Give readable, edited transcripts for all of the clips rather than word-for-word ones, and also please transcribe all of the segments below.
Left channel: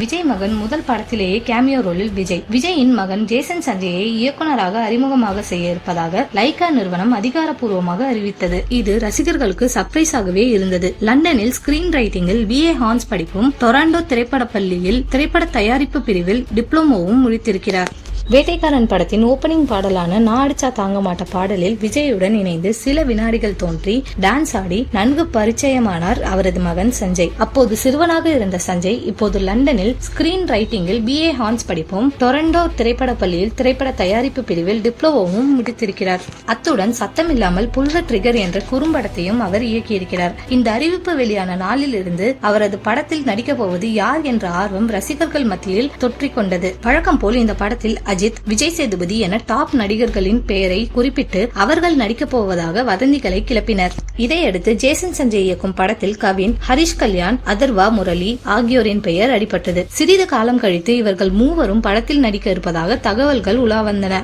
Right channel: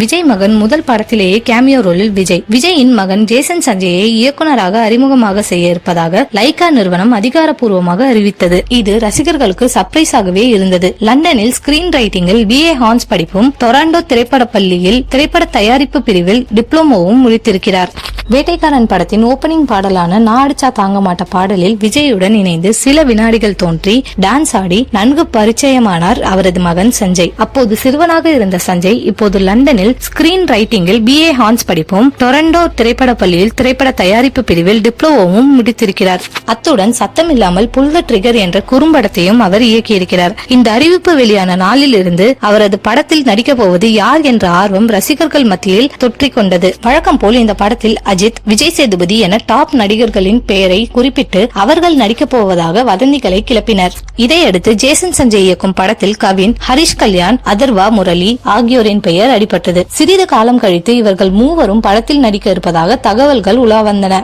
விஜய் மகன் முதல் படத்திலேயே கேமியோ ரோலில் விஜயின் மகன் ஜேசன் சஞ்சயை இயக்குனராக அறிமுகமாக செய்ய இருப்பதாக லைகா நிறுவனம் அதிகாரப்பூர்வமாக அறிவித்தது. இது ரசிகர்களுக்கு சர்ப்ரைஸாகவே இருந்தது. லண்டனில் ஸ்கிரீன் ரைட்டிங்கில் BA ஹான்ஸ் படிப்பும், டொராண்டோ திரைப்பட பள்ளியில் திரைப்பட தயாரிப்பு பிரிவில் டிப்ளமோவும் முடித்திருக்கிறார். வேட்டைக்காரன் படத்தின் ஓபனிங் பாடலான நான் அடிச்சா தாங்க மாட்ட பாடலில் விஜயுடன் இணைந்து சில வினாடிகள் தோன்றி டான்ஸ் ஆடி நன்கு பரிச்சயமானார் அவரது மகன் சஞ்சய். அப்போது சிறுவனாக இருந்த சஞ்சய் இப்போது லண்டனில் ஸ்கிரீன் ரைட்டிங்கில் BA ஹான்ஸ் படிப்பும், டொரண்டோ திரைப்பட பள்ளியில் திரைப்பட தயாரிப்பு பிரிவில் டிப்ளமோவும் முடித்திருக்கிறார். அத்துடன் சத்தமில்லாமல் புல் த ட்ரிகர் என்ற குறும்படத்தையும் அவர் இயக்கியிருக்கிறார். இந்த அறிவிப்பு வெளியான நாளில் இருந்து அவரது படத்தில் நடிக்கப் போவது யார் என்ற ஆர்வம் ரசிகர்கள் மத்தியில் தொற்றிக்கொண்டது. வழக்கம் போல் இந்த படத்தில் அஜித், விஜய் சேதுபதி என டாப் நடிகர்களின் பெயரை குறிப்பிட்டு அவர்கள் நடிக்கப் போவதாக வதந்திகளை கிளப்பினர். இதையடுத்து ஜேசன் சஞ்சய் இயக்கும் படத்தில் கவின், ஹரிஷ் கல்யாண், அதர்வா முரளி ஆகியோரின் பெயர் அடிபட்டது. சிறிது காலம் கழித்து இவர்கள் மூவரும் படத்தில் நடிக்க இருப்பதாக தகவல்கள் உலா வந்தன.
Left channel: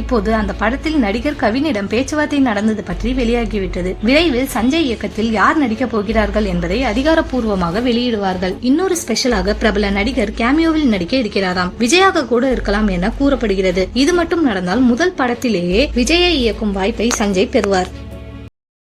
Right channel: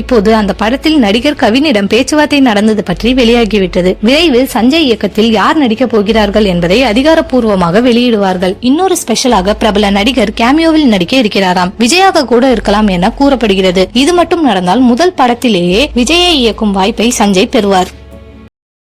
இப்போது அந்த படத்தில் நடிகர் கவினிடம் பேச்சுவார்த்தை நடந்தது பற்றி வெளியாகிவிட்டது. விரைவில் சஞ்சய் இயக்கத்தில் யார் நடிக்கப் போகிறார்கள் என்பதை அதிகாரப்பூர்வமாக வெளியிடுவார்கள். இன்னொரு ஸ்பெஷலாக பிரபல நடிகர் கேமியோவில் நடிக்க இருக்கிறாராம். விஜயாக கூட இருக்கலாம் என கூறப்படுகிறது. இது மட்டும் நடந்தால் முதல் படத்திலேயே விஜயை இயக்கும் வாய்ப்பை சஞ்சய் பெறுவார்.